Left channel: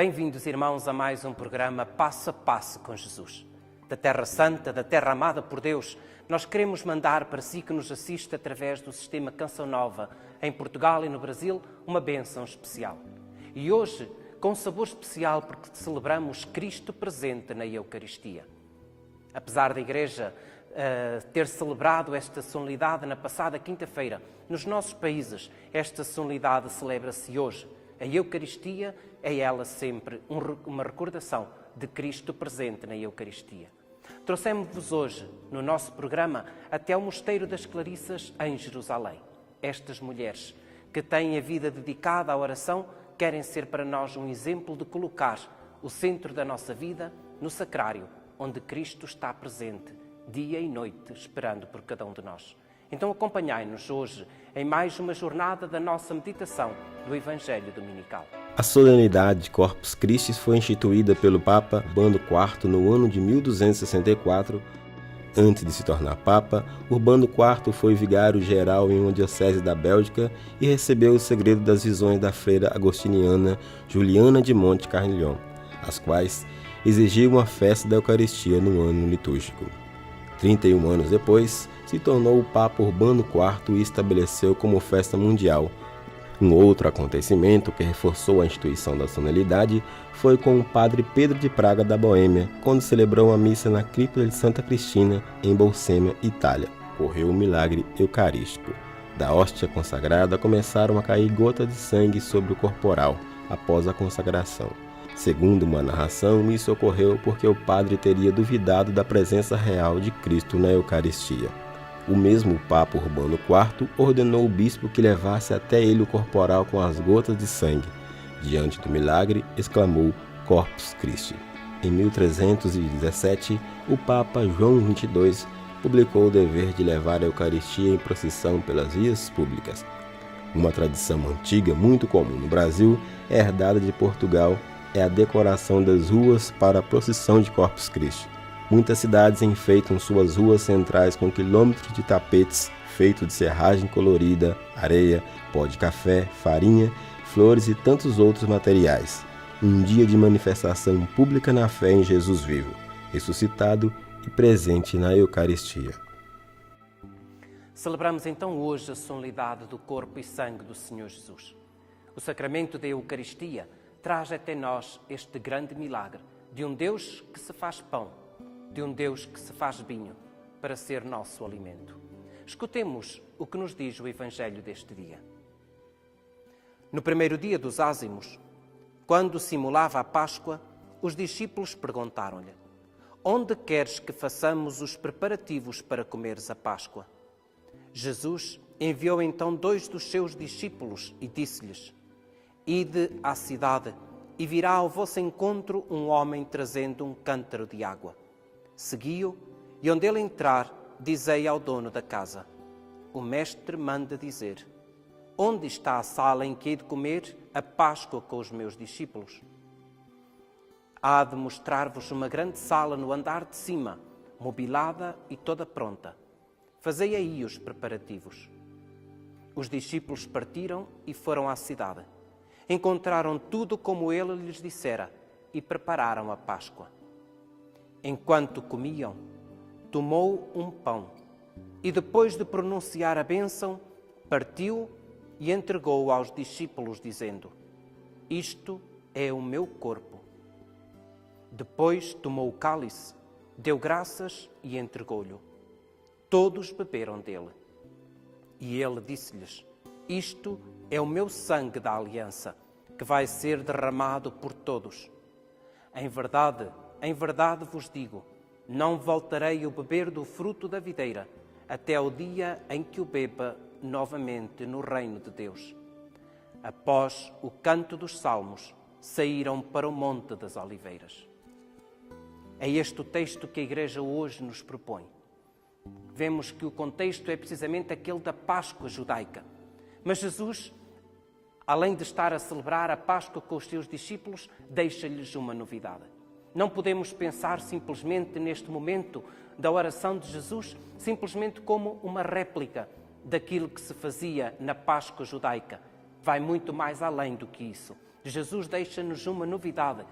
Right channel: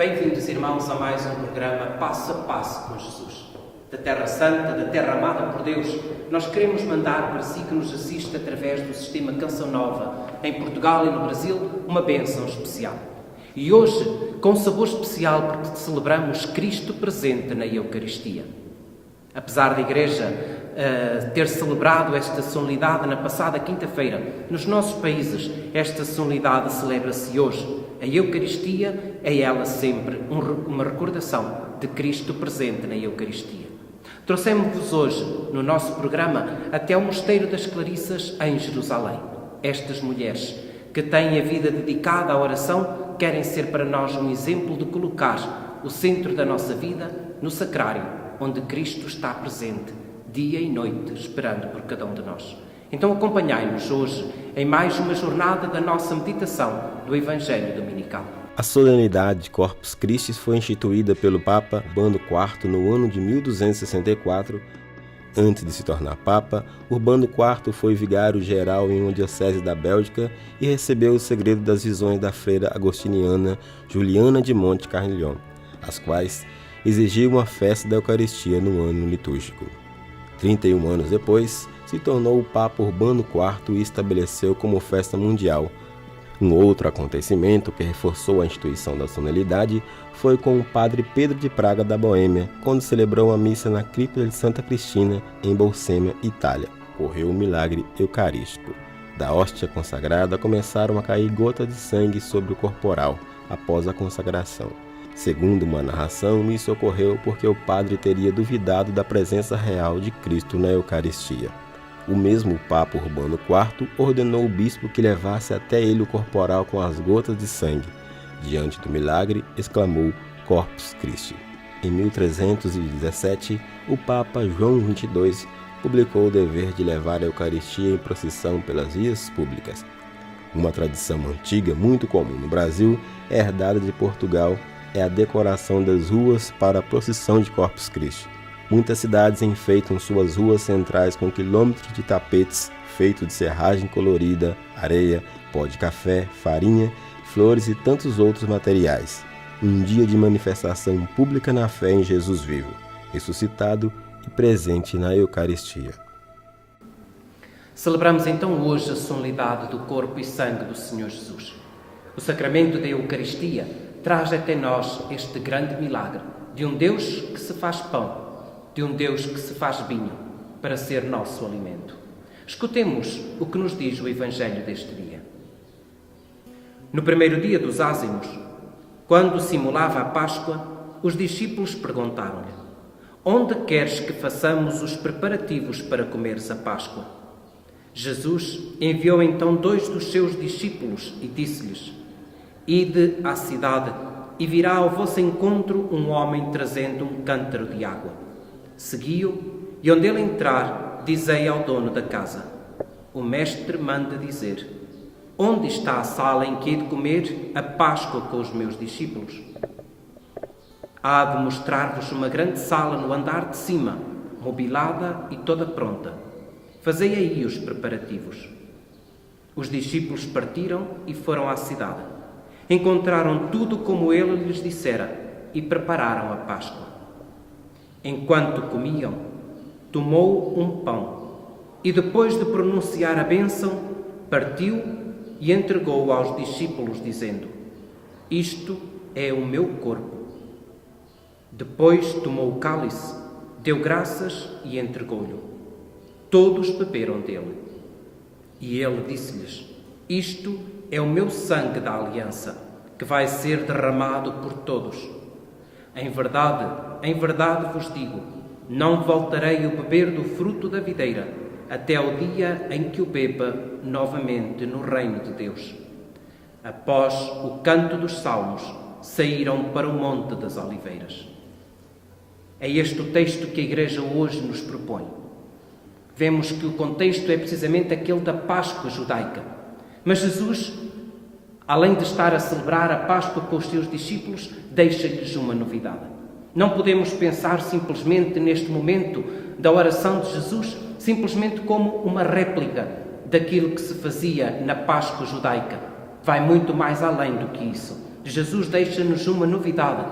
Bem-vindos, irmãos, a mais um programa Passo a Passo com Jesus. Da Terra Santa, da Terra amada por Deus, nós queremos mandar para si que nos assiste através do sistema Canção Nova, em Portugal e no Brasil, uma bênção especial. E hoje, com um sabor especial, porque celebramos Cristo presente na Eucaristia. Apesar da Igreja ter celebrado esta solenidade na passada quinta-feira, nos nossos países, esta solenidade celebra-se hoje. A Eucaristia é ela sempre uma recordação de Cristo presente na Eucaristia. Trouxemos-vos hoje, no nosso programa, até o Mosteiro das Clarissas, em Jerusalém. Estas mulheres que têm a vida dedicada à oração querem ser para nós um exemplo de colocar o centro da nossa vida no sacrário, onde Cristo está presente, dia e noite, esperando por cada um de nós. Então acompanhai-nos hoje em mais uma jornada da nossa meditação do Evangelho Dominical. A solenidade de Corpus Christi foi instituída pelo Papa Urbano IV no ano de 1264. Antes de se tornar Papa, Urbano IV foi vigário-geral em uma diocese da Bélgica e recebeu o segredo das visões da freira agostiniana Juliana de Monte Carnilhon, as quais exigiam uma festa da Eucaristia no ano litúrgico. 31 anos depois, se tornou o Papa Urbano IV e estabeleceu como festa mundial. Um outro acontecimento que reforçou a instituição da solenidade foi com o padre Pedro de Praga da Boêmia, quando celebrou uma missa na cripta de Santa Cristina, em Bolsena, Itália. Ocorreu um milagre eucarístico. Da hóstia consagrada começaram a cair gotas de sangue sobre o corporal, após a consagração. Segundo uma narração, isso ocorreu porque o padre teria duvidado da presença real de Cristo na Eucaristia. O mesmo Papa Urbano IV ordenou o bispo que levasse até ele o corporal com as gotas de sangue. Diante do milagre, exclamou Corpus Christi. Em 1317, o Papa João XXII publicou o dever de levar a Eucaristia em procissão pelas vias públicas. Uma tradição antiga, muito comum no Brasil, herdada de Portugal, é a decoração das ruas para a procissão de Corpus Christi. Muitas cidades enfeitam suas ruas centrais com quilômetros de tapetes feitos de serragem colorida, areia, pó de café, farinha, flores e tantos outros materiais. Um dia de manifestação pública na fé em Jesus vivo, ressuscitado e presente na Eucaristia. Celebramos então hoje a solenidade do corpo e sangue do Senhor Jesus. O sacramento da Eucaristia traz até nós este grande milagre de um Deus que se faz pão, de um Deus que se faz vinho, para ser nosso alimento. Escutemos o que nos diz o Evangelho deste dia. No primeiro dia dos ázimos, quando simulava a Páscoa, os discípulos perguntaram-lhe: onde queres que façamos os preparativos para comeres a Páscoa? Jesus enviou então 2 dos seus discípulos e disse-lhes: ide à cidade e virá ao vosso encontro um homem trazendo um cântaro de água. Segui-o e onde ele entrar, dizei ao dono da casa: o mestre manda dizer: onde está a sala em que hei de comer a Páscoa com os meus discípulos? Há de mostrar-vos uma grande sala no andar de cima, mobilada e toda pronta. Fazei aí os preparativos. Os discípulos partiram e foram à cidade. Encontraram tudo como ele lhes dissera e prepararam a Páscoa. Enquanto comiam, tomou um pão e, depois de pronunciar a bênção, partiu e entregou-o aos discípulos, dizendo: isto é o meu corpo. Depois tomou o cálice, deu graças e entregou-lhe. Todos beberam dele. E ele disse-lhes: isto é o meu sangue da aliança, que vai ser derramado por todos. Em verdade vos digo, não voltarei a beber do fruto da videira, até o dia em que o beba novamente no reino de Deus. Após o canto dos salmos, saíram para o Monte das Oliveiras. É este o texto que a Igreja hoje nos propõe. Vemos que o contexto é precisamente aquele da Páscoa judaica. Mas Jesus, além de estar a celebrar a Páscoa com os seus discípulos, deixa-lhes uma novidade. Não podemos pensar simplesmente neste momento da oração de Jesus, simplesmente como uma réplica daquilo que se fazia na Páscoa judaica. Vai muito mais além do que isso. Jesus deixa-nos uma novidade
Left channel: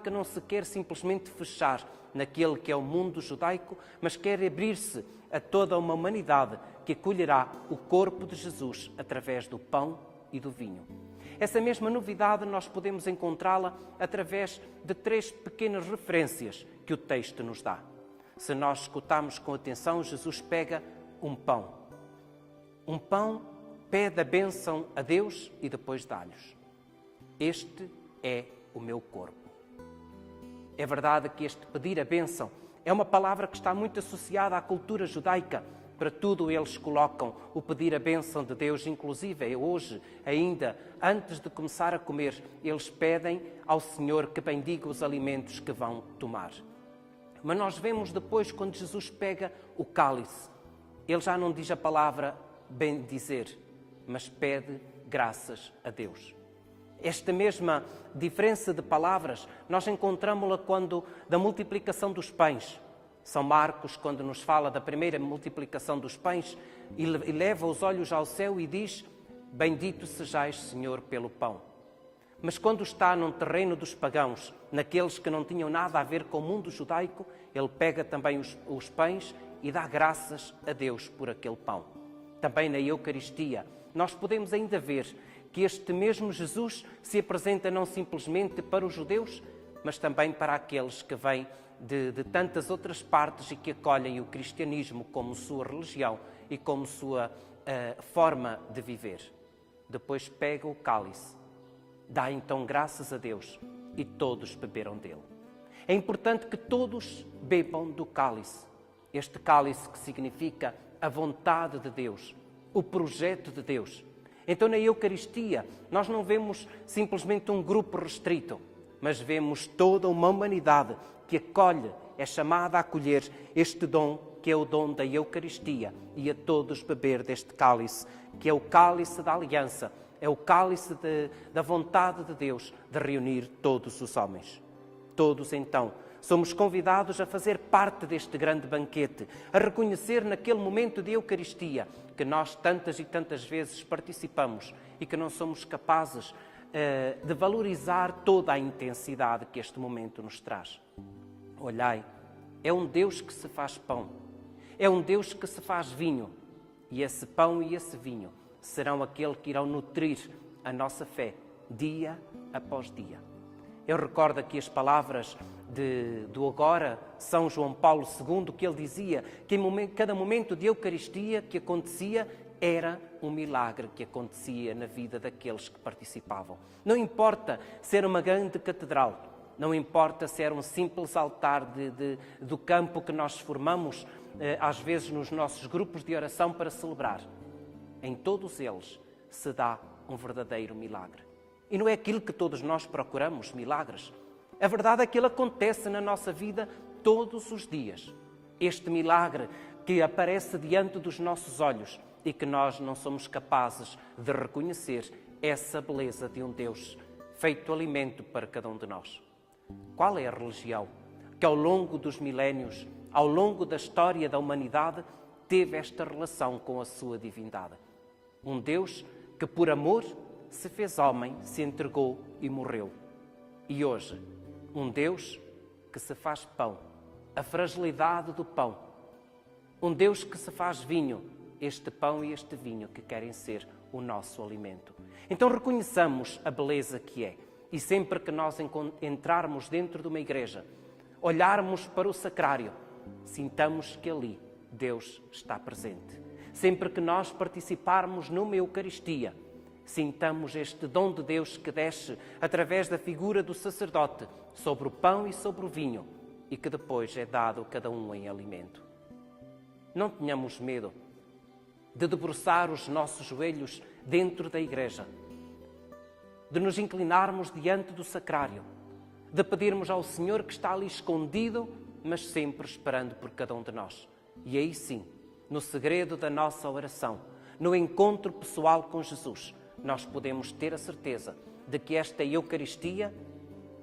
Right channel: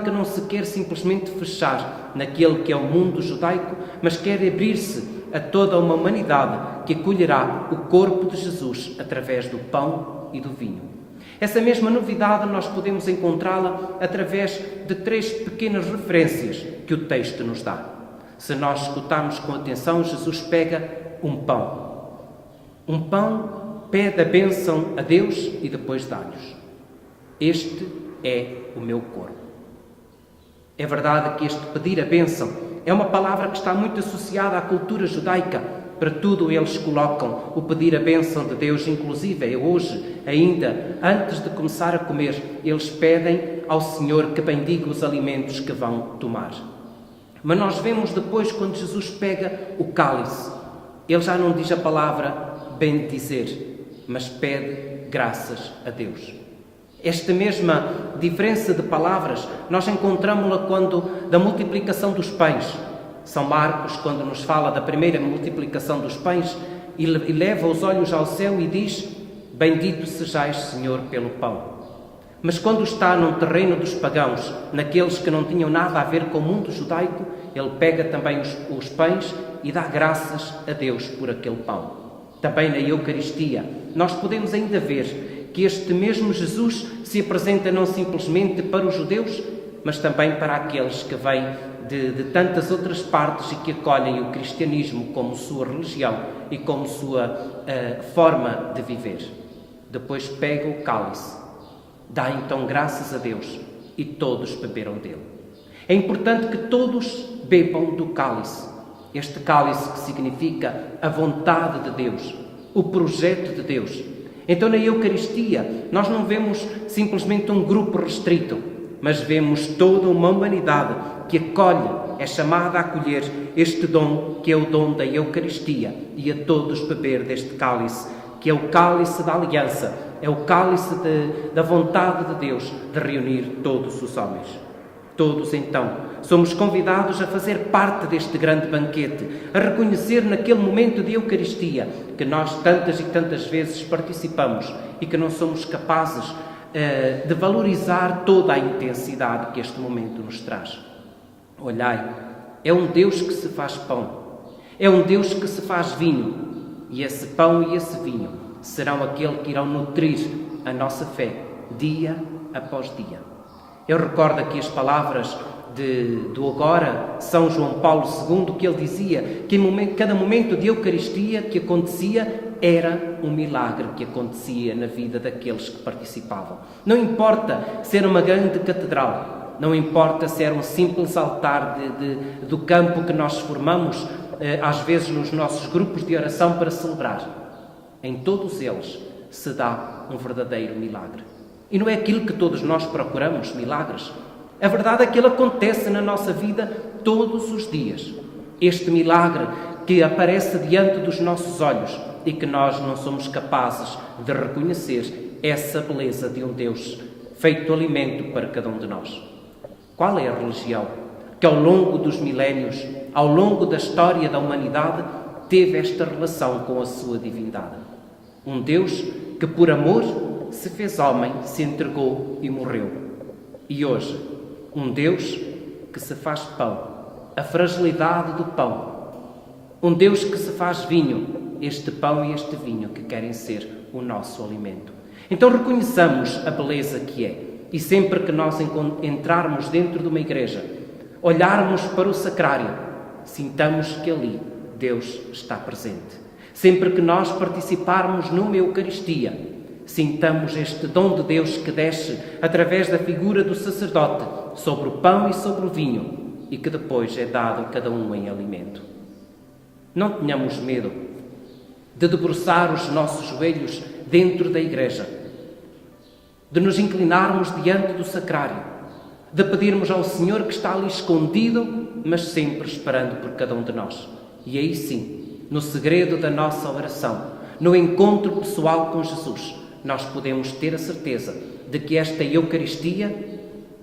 que não se quer simplesmente fechar naquele que é o mundo judaico, mas quer abrir-se a toda uma humanidade que acolherá o corpo de Jesus através do pão e do vinho. Essa mesma novidade nós podemos encontrá-la através de 3 pequenas referências que o texto nos dá. Se nós escutarmos com atenção, Jesus pega um pão, pede a bênção a Deus e depois dá-lhes. Este é o meu corpo. É verdade que este pedir a bênção é uma palavra que está muito associada à cultura judaica. Para tudo eles colocam o pedir a bênção de Deus, inclusive hoje, ainda, antes de começar a comer, eles pedem ao Senhor que bendiga os alimentos que vão tomar. Mas nós vemos depois, quando Jesus pega o cálice, ele já não diz a palavra bendizer, mas pede graças a Deus. Esta mesma diferença de palavras nós encontramos-la quando da multiplicação dos pães. São Marcos, quando nos fala da primeira multiplicação dos pães, e leva os olhos ao céu e diz: bendito sejais, Senhor, pelo pão. Mas quando está num terreno dos pagãos, naqueles que não tinham nada a ver com o mundo judaico, ele pega também os pães e dá graças a Deus por aquele pão. Também na Eucaristia, nós podemos ainda ver que este mesmo Jesus se apresenta não simplesmente para os judeus, mas também para aqueles que vêm de tantas outras partes e que acolhem o cristianismo como sua religião e como sua forma de viver. Depois pega o cálice, dá então graças a Deus e todos beberam dele. É importante que todos bebam do cálice. Este cálice que significa a vontade de Deus, o projeto de Deus. Então na Eucaristia nós não vemos simplesmente um grupo restrito, mas vemos toda uma humanidade que acolhe, é chamada a acolher este dom que é o dom da Eucaristia e a todos beber deste cálice, que é o cálice da aliança, é o cálice da vontade de Deus de reunir todos os homens. Todos, então, somos convidados a fazer parte deste grande banquete, a reconhecer naquele momento de Eucaristia que nós tantas e tantas vezes participamos e que não somos capazes de valorizar toda a intensidade que este momento nos traz. Olhai, é um Deus que se faz pão, é um Deus que se faz vinho, e esse pão e esse vinho serão aquele que irão nutrir a nossa fé, dia após dia. Eu recordo aqui as palavras do agora São João Paulo II, que ele dizia que em cada momento de Eucaristia que acontecia era um milagre que acontecia na vida daqueles que participavam. Não importa ser uma grande catedral, não importa ser um simples altar do campo que nós formamos, às vezes nos nossos grupos de oração para celebrar. Em todos eles se dá um verdadeiro milagre. E não é aquilo que todos nós procuramos, milagres. A verdade é que ele acontece na nossa vida todos os dias. Este milagre que aparece diante dos nossos olhos e que nós não somos capazes de reconhecer essa beleza de um Deus feito alimento para cada um de nós. Qual é a religião que ao longo dos milénios, ao longo da história da humanidade, teve esta relação com a sua divindade? Um Deus que por amor se fez homem, se entregou e morreu. E hoje, um Deus que se faz pão, a fragilidade do pão. Um Deus que se faz vinho, este pão e este vinho que querem ser o nosso alimento. Então reconheçamos a beleza que é. E sempre que nós entrarmos dentro de uma igreja, olharmos para o sacrário, sintamos que ali Deus está presente. Sempre que nós participarmos numa Eucaristia, sintamos este dom de Deus que desce através da figura do sacerdote sobre o pão e sobre o vinho e que depois é dado a cada um em alimento. Não tenhamos medo de debruçar os nossos joelhos dentro da igreja, de nos inclinarmos diante do sacrário, de pedirmos ao Senhor que está ali escondido, mas sempre esperando por cada um de nós. E aí sim, no segredo da nossa oração, no encontro pessoal com Jesus, nós podemos ter a certeza de que esta Eucaristia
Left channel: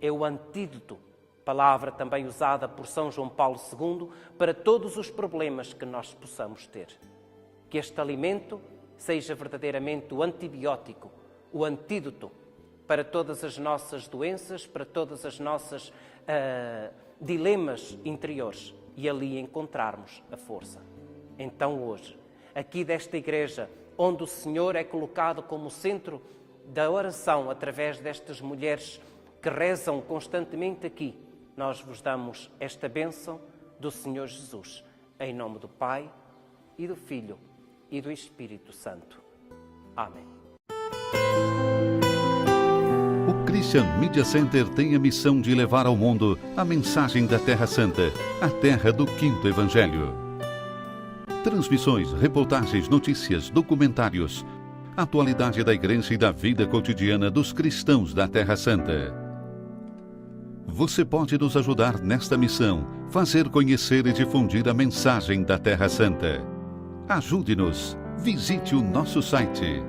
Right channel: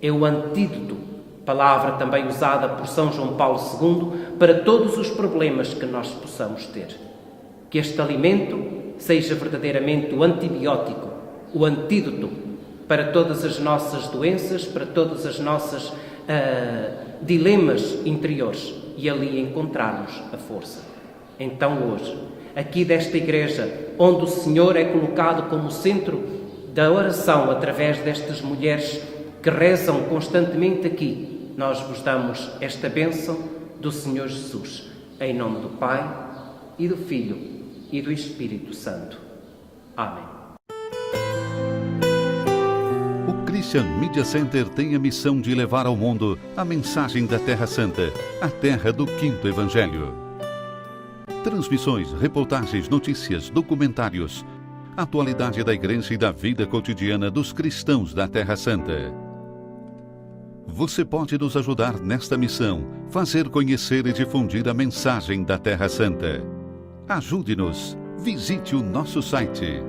é o antídoto, palavra também usada por São João Paulo II, para todos os problemas que nós possamos ter. Que este alimento seja verdadeiramente o antibiótico, o antídoto para todas as nossas doenças, para todas as nossas dilemas interiores e ali encontrarmos a força. Então hoje, aqui desta igreja, onde o Senhor é colocado como centro da oração através destas mulheres que rezam constantemente aqui, nós vos damos esta bênção do Senhor Jesus, em nome do Pai e do Filho e do Espírito Santo. Amém. O Christian Media Center tem a missão de levar ao mundo a mensagem da Terra Santa, a terra do Quinto Evangelho. Transmissões, reportagens, notícias, documentários, atualidade da Igreja e da vida cotidiana dos cristãos da Terra Santa. Você pode nos ajudar nesta missão, fazer conhecer e difundir a mensagem da Terra Santa. Ajude-nos. Visite o nosso site